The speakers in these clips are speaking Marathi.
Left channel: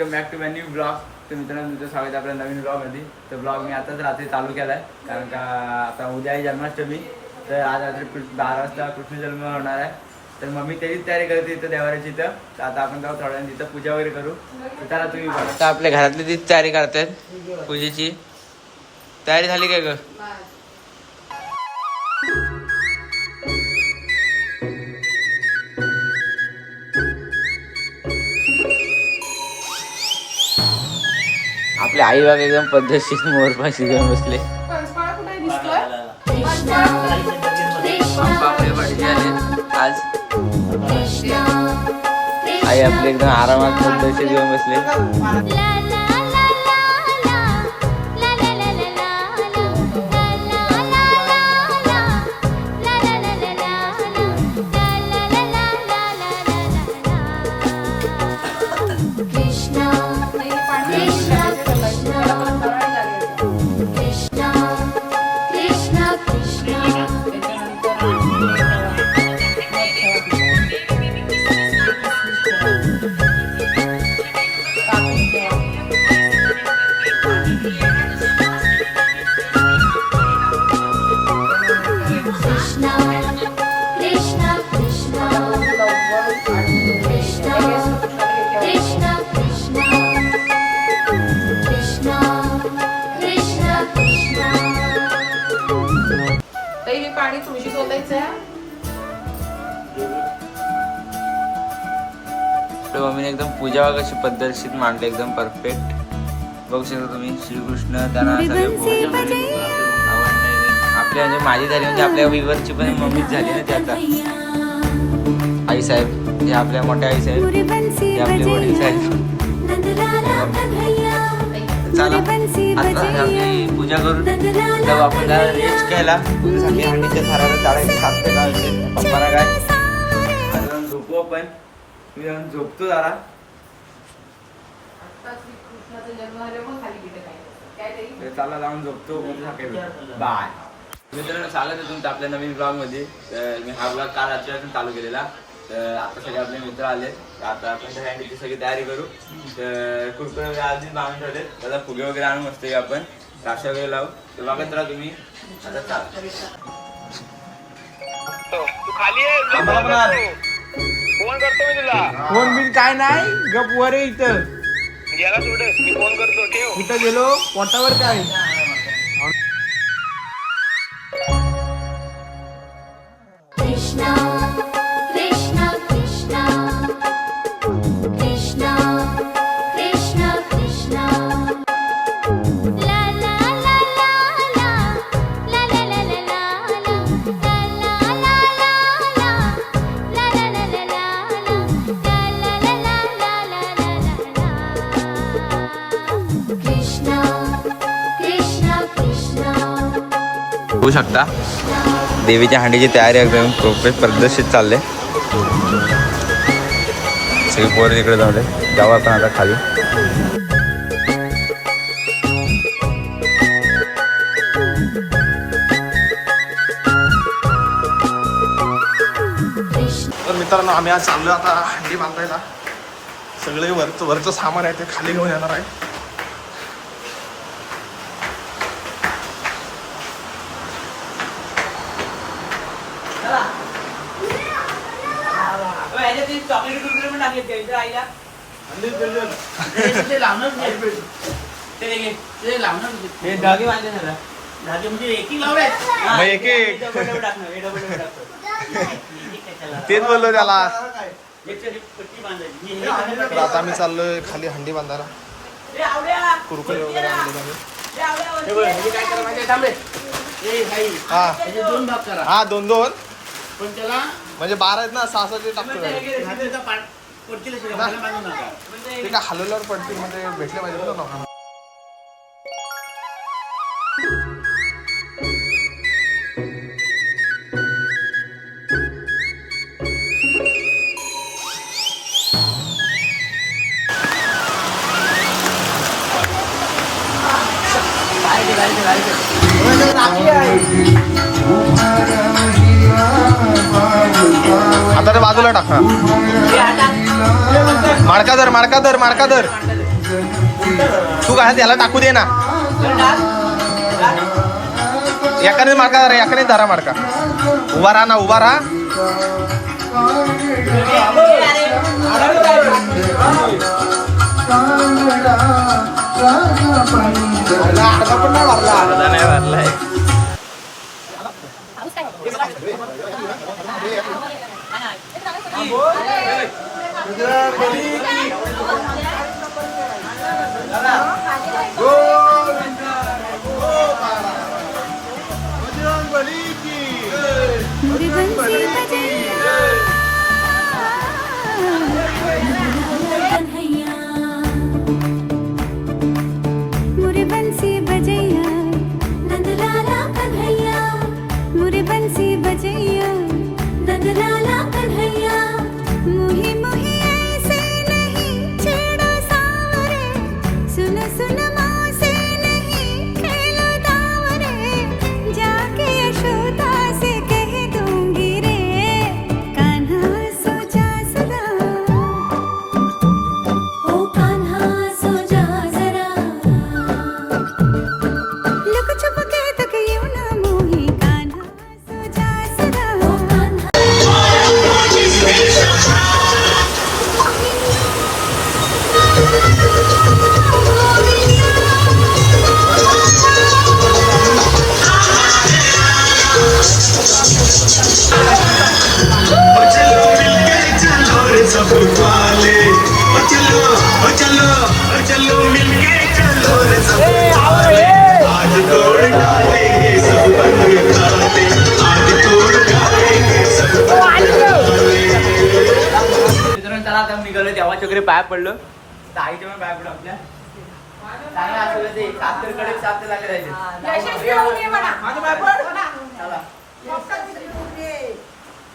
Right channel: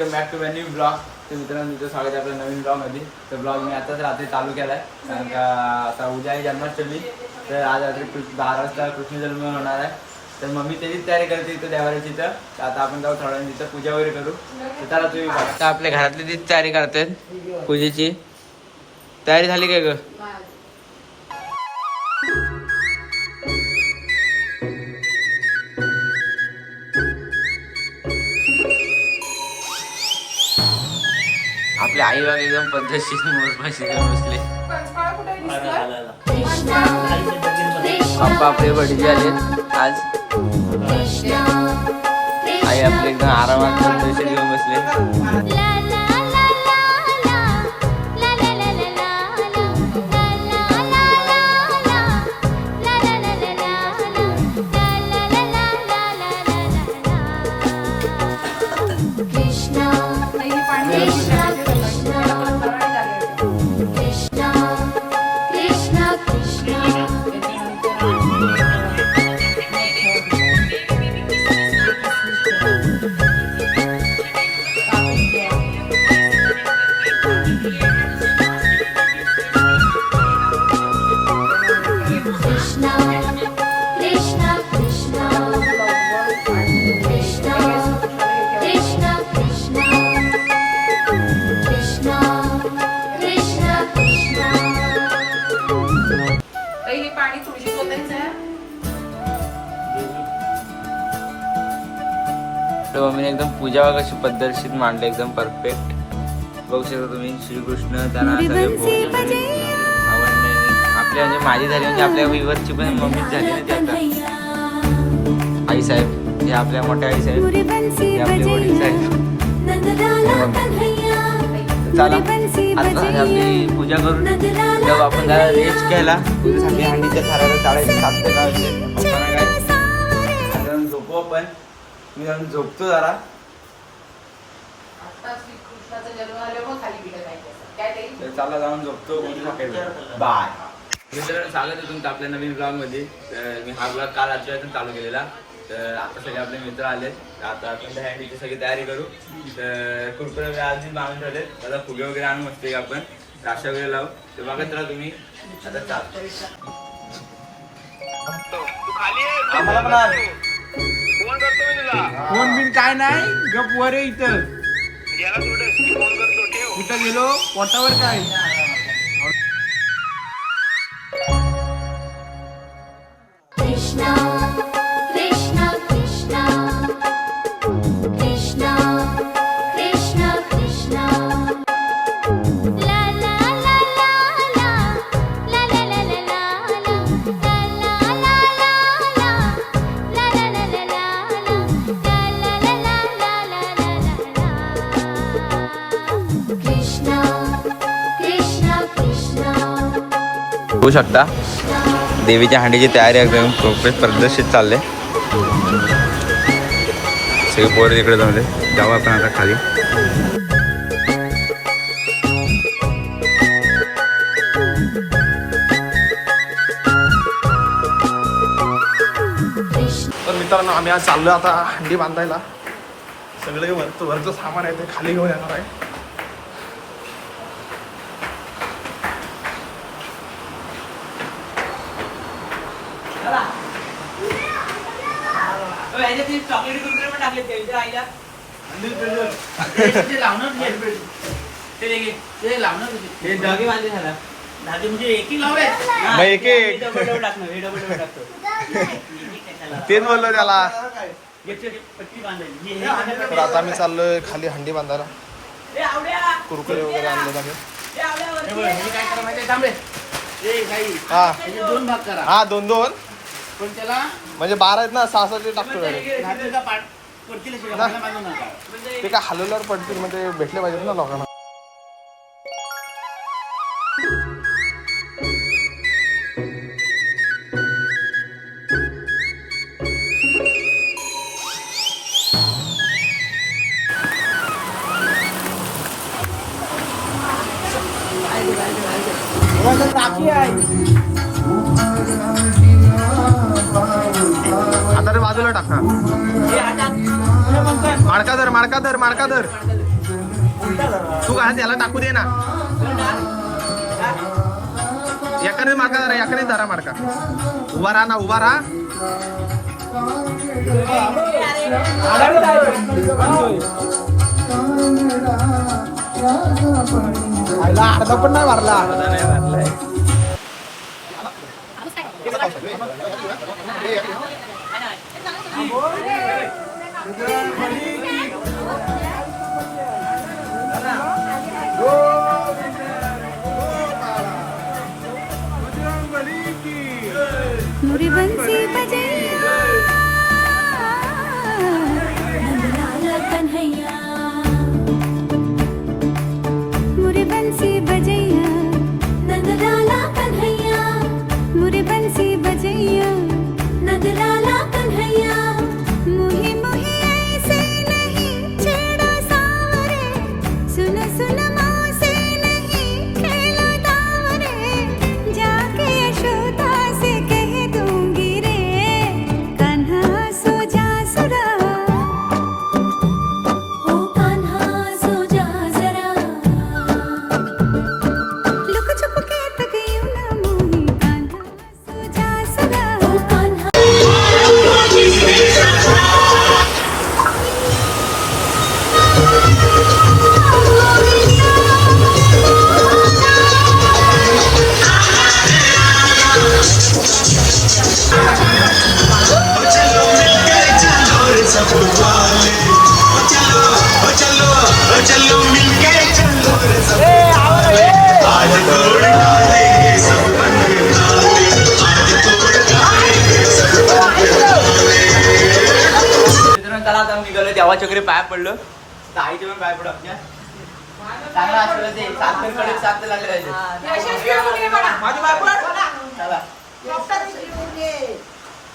Welcome back to my new blog. तर मित्रांनो तुमचं स्वागत आहे आपल्या नवीन ब्लॉगमध्ये. तर ब्लॉग मी आताच रात्री चालू केला आहे, कारण का आता उद्या आहे जन्माष्टमी. तर आज रात्री 10 वाजता कृष्ण जन्म होणार आहे. तर मम्मी त्याचीच तयारी करते इथं देवाऱ्याची इथं. तर आता आपण जाऊ थोड्या तिथं पूजा वगैरे करू. तर त्याला तुम्ही बघा. आता आपल्या घरातली तीच तयारी करतात पूजेची. तयारी झाली काय ग? आपले आई बाबा एकदम पद्धतशीर मोरपाशी जाऊन बसले. आपले बसले आज आई आपले एकदम आरामात पद्धतशीर घेऊन बसले. मम्मीने एकदम पूजा कशी पद्धतशीर मांडली, एकदम परफेक्ट. बघू शकता तुम्ही श्रीकृष्ण त्यांना आपल्या म्हणजे माझी झाली, म्हणजे आपल्या विवरची पण मम्मीच झाली ना. ते आता आई साहेब हे आपल्या मोठ्या आई साहेब, हे आपले वडील साहेब. चला आता आपली पूजा करून जाऊ आपण. जरा रेस्ट घ्यायला पूजेसाठी हंडीच्या थाराला चाळायचे 7 ते 10 पप्पाला काय जाऊन झोपू आपण. मी जाऊन झोपतो जरा. चालला जाऊन झोपतो. बाय मित्रांनो, चालत आहे तुमचं आपल्या नवीन ब्लॉग मध्ये. मी हा ब्लॉग काल रात्रीपासून चालू केलेला. तर आता सगळे आपले मित्र आले. आता आपण त्या हँडीची सगळी तयारी करू. तर कुरकुरे वगैरे आज मी बांधून ठेवले. त्याला फुगे वगैरे आणून मस्त आपण राशा वगैरे लावू. तर बघत राहा तुम्ही. आता चाल फोन बिन काय नाही, गप वर इथं कुठं गेलो पोटावर काय. कृष्णा कृष्णा कृष्णा कृष्णा कृष्णा कृष्णा ला ला ला ला ला ला ला ला ला ला होऊ शकता. देवीच्या हांडीची तयारी एकदम पद्धतशीर चालले. सगळे पोरं तिकडे जाऊ जाऊ आपण आता खाली. तर मित्रांनो, आम्ही आज चाललोय आता हंडी बांधायला. सगळे वरचं सामान आहे ते खाली घेऊन येणार आहे. तेच बोललो त्याला. तर आता आम्ही चाललोय खाली हंडी बांधायला. कुरकुरे वगैरे आणले आम्ही. हा 2-2 पण त्याला म्हणजे 12 आहेत ना, 6 टाकतो. ते काय हलवल्यावर पडतील, म्हणजे भेटले पाहिजेत ना लोकांना. आता ते बाजूला टाका. माडका धर. तू काय त्याला टाकू दे ना. एकाने मार्का धरा, एकाने धरा मार्का. उभा राहा ना, उभा राहा. अर्धा नाही भरलाय. मुरी बंसी बजैया कन्हैया, मुरी बंसी बजैया नंदलाला कन्हैया, मुरी बंसी बजैया नंदलाला कन्हैया. मुही मुही ऐसे नहीं छेड़ो सावरे, सुन सुन से नहीं खेलो दावरे, जाके यशोदा से कह दूंगी रे, कान्हा सो जा जरा, ओ कान्हा सो जा जरा, लुक छुप के तक यूं ना मोही, कान्हा सो जा जरा, ओ कान्हा. मित्रांनो चला आता निघालो, देवाच्या वगैरे पाया पडलो. तर आईच्या पण पाया पडलो आमच्या. चांगलं असलं ते साखर कडक साखर लागले पाहिजे. चला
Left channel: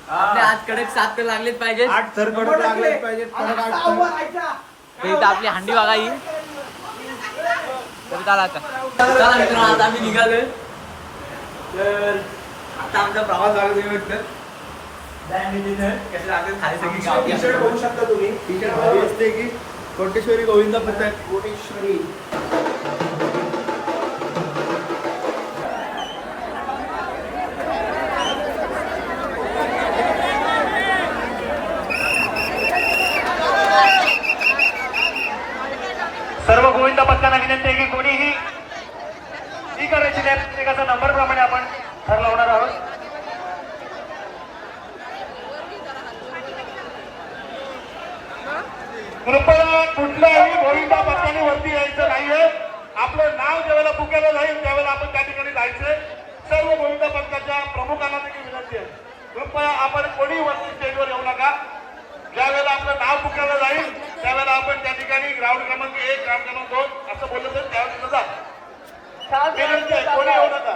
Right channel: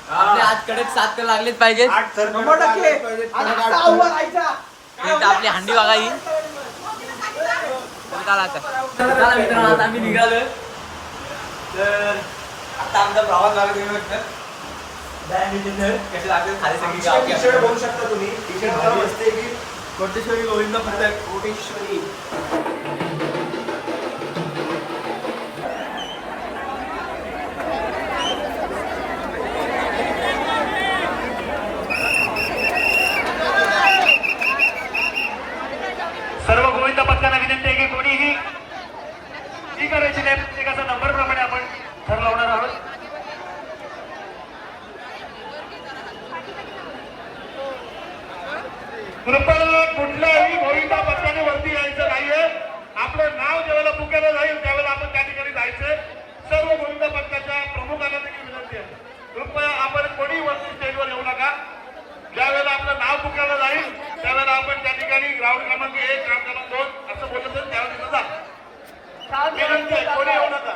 आपले आज कडक साखर लागलीच पाहिजेत. तर आपली हंडी बघा ही. तर चला आता, चला मित्रांनो आता आम्ही निघालोय. तर आता आमचा प्रवास लागला तुम्ही बघता. कसे लागेल खाली सगळी गाव. टी-शर्ट बोलू शकता तुम्ही. टी-शर्ट असते की कोटेश्वरी गोविंद पथक. कोटेश्वरी सर्व गोविंद पथकांना विनंती आहे की कोणीही ही करायची नाही. प्रत्येकाचा नंबर प्रमाणे आपण ठरवणार आहोत. कृपया कुठल्याही गोविंद पथकाने वरती यायचं नाहीये. आपलं नाव ज्यावेळेला पुकारलं जाईल त्यावेळेला आपण त्या ठिकाणी जायचंय. सर्व गोविंद पथकाच्या प्रमुखांना देखील विनंती आहे, कृपया आपण कोणी वरती स्टेजवर येऊ नका. ज्यावेळेला आपलं नाव पुकारलं जाईल त्यावेळेला आपण त्या ठिकाणी ग्राउंड क्रमांक 1, ग्राउंड क्रमांक 2 असं बोललं तर त्यावेळेला जा. विनंती आहे, कोणी येऊ नका.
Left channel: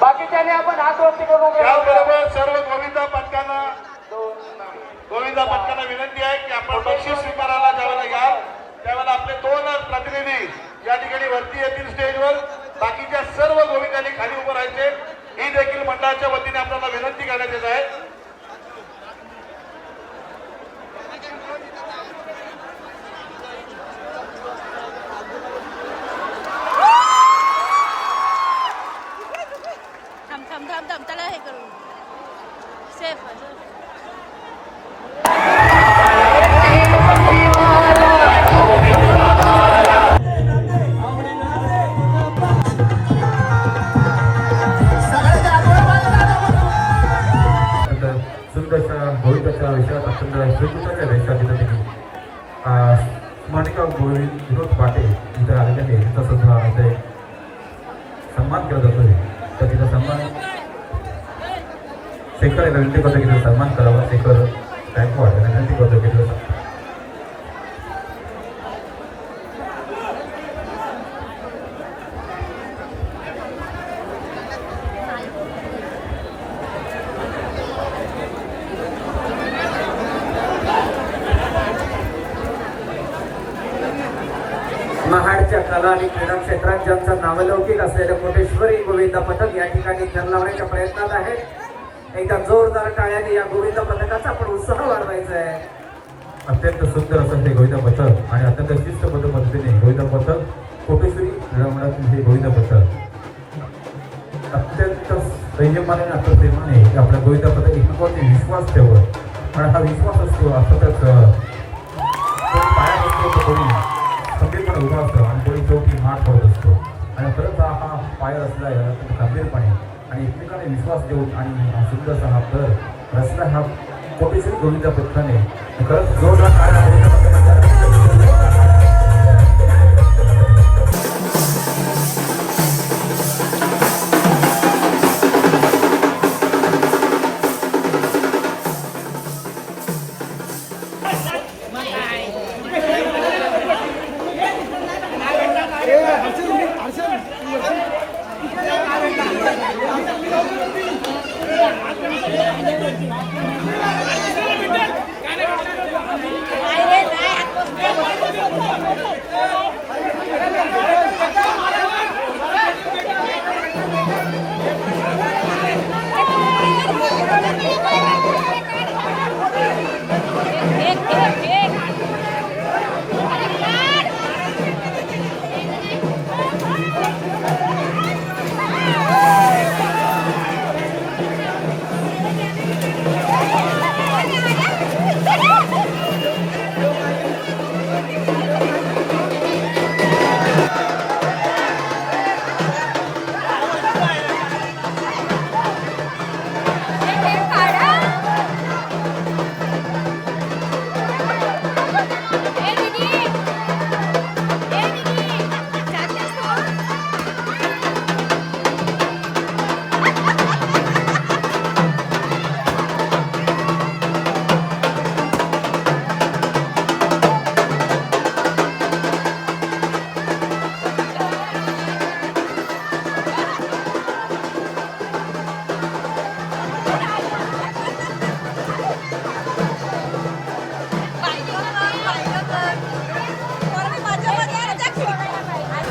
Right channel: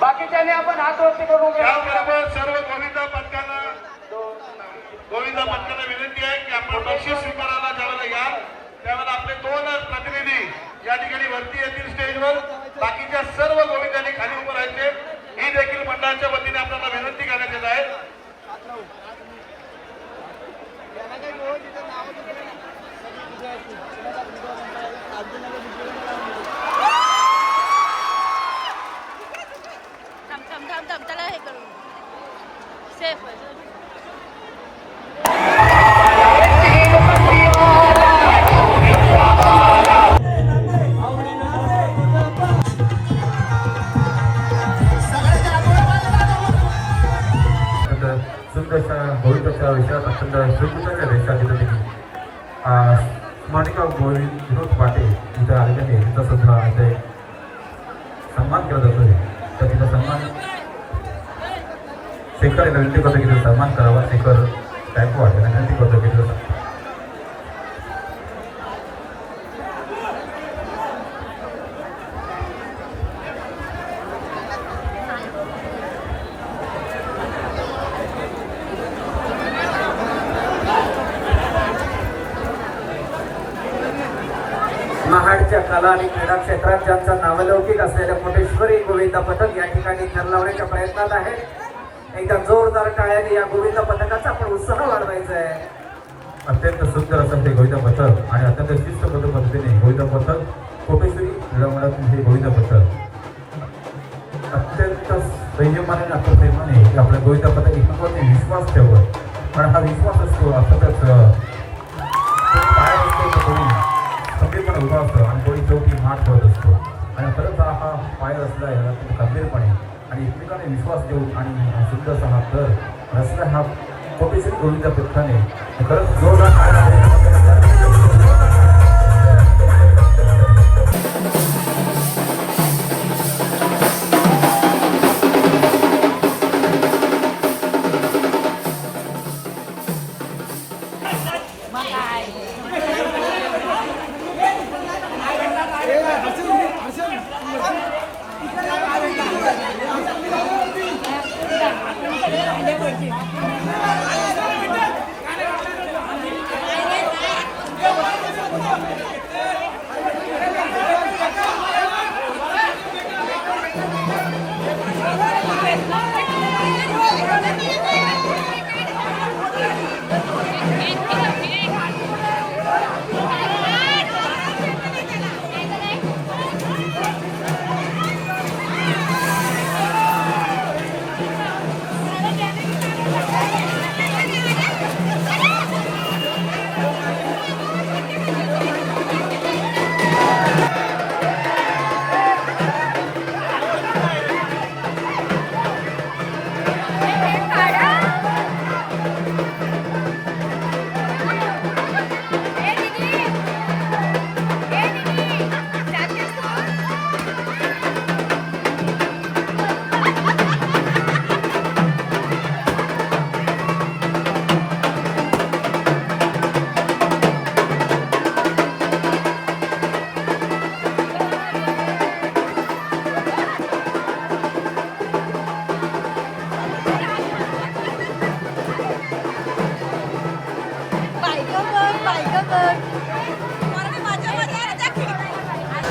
बाकीच्याने आपण हात वरती करू. त्याबरोबर सर्व गोविंद पथकाला विनंती आहे की आपण बक्षीस स्वीकारायला ज्यावेळेला याल त्यावेळेला आपले 2 प्रतिनिधी या ठिकाणी वरती येतील स्टेजवर. बाकीच्या सर्व गोविंदांनी खाली उभं राहायचे. ही देखील मंडळाच्या वतीने आपल्याला विनंती करण्यात येत आहे. थांब त्याला हे करू सेफ गोविंदाच्या विषयात अत्यंत सुंदर वेशामध्ये स्मरणिका गोविंद विनोद पाटे इथं आलेल्याने त्यांचा सुद्धा इथे सन्मान केला जातो. तर तिचा सन्मान शेखर विनंती करतो की तिचा सन्मान करावा. शेखर गायकवाड विनंती करतो की तिचा महाडच्या कला आणि क्रीडा क्षेत्रात ज्यांचा नावलौकिक असलेलं कोटेश्वरी गोविंद पथक या ठिकाणी जल लावण्याच्या प्रयत्नात आहे. एकदा जोरदार टाळ्याने या गोविंद पथकाचा आपण उत्साह वाढवायचा आहे. अत्यंत सुंदर असं हे गोविंद पथक आणि अत्यंत शिस्तबद्ध पद्धतीने गोविंद पथक कोटेश्वरी क्रीडा मंडळातील हे गोविंद पथक अत्यंत संयमाने आणि अत्यंत प्रेमाने आपल्या गोविंद पथक एकमेकांवरती विश्वास ठेवत आणि हा विश्वास असतो अर्थातच पाया असतो कोणी खंबीरपणे उभा असतो आणि कोणी शेवटी मात करत असतो आणि खरंच हा पाय रचला आहे खंबीरपणे आणि एकमेकाने विश्वास देऊन आणि हा सुंदरसा हा तर रचला हा कोटेश्वरी गोविंद पथकाने खरंच जोरदार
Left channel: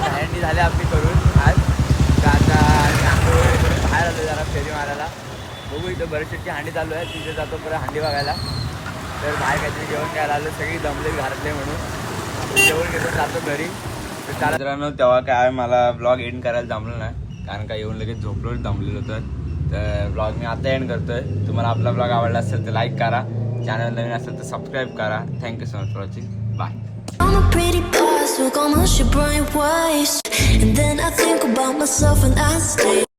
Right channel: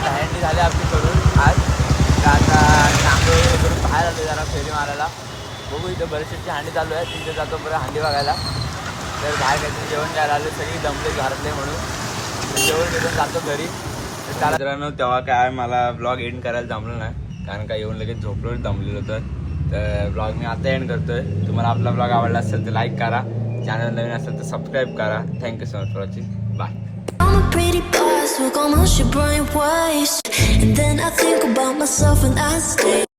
दहीहंडी झाली आपली करून आज. तर आता आंघोळ करून बाहेर आलो जरा फेरी मारायला. बघू इथं बरीचशी हांडी चालू आहे, तिथे जातो परत हांडी बघायला. तर बाहेर काहीतरी जेवण घ्यायला आलो, सगळी दमले घरातले म्हणून. तर जेवण घेऊन जातो घरी. तर त्याला मित्रांनो तेव्हा काय मला ब्लॉग एंड करायला जमलं नाही, कारण का येऊन लगेच झोपलो दमलेलो होतं. तर ब्लॉग मी आता एंड करतोय. तुम्हाला आपला ब्लॉग आवडला असेल तर लाईक करा, चॅनल नवीन असेल तर सबस्क्राईब करा. Thank you so much for watching. Bye. I'm a pretty boss, look almost your brain waste. And then I think about myself and I stay.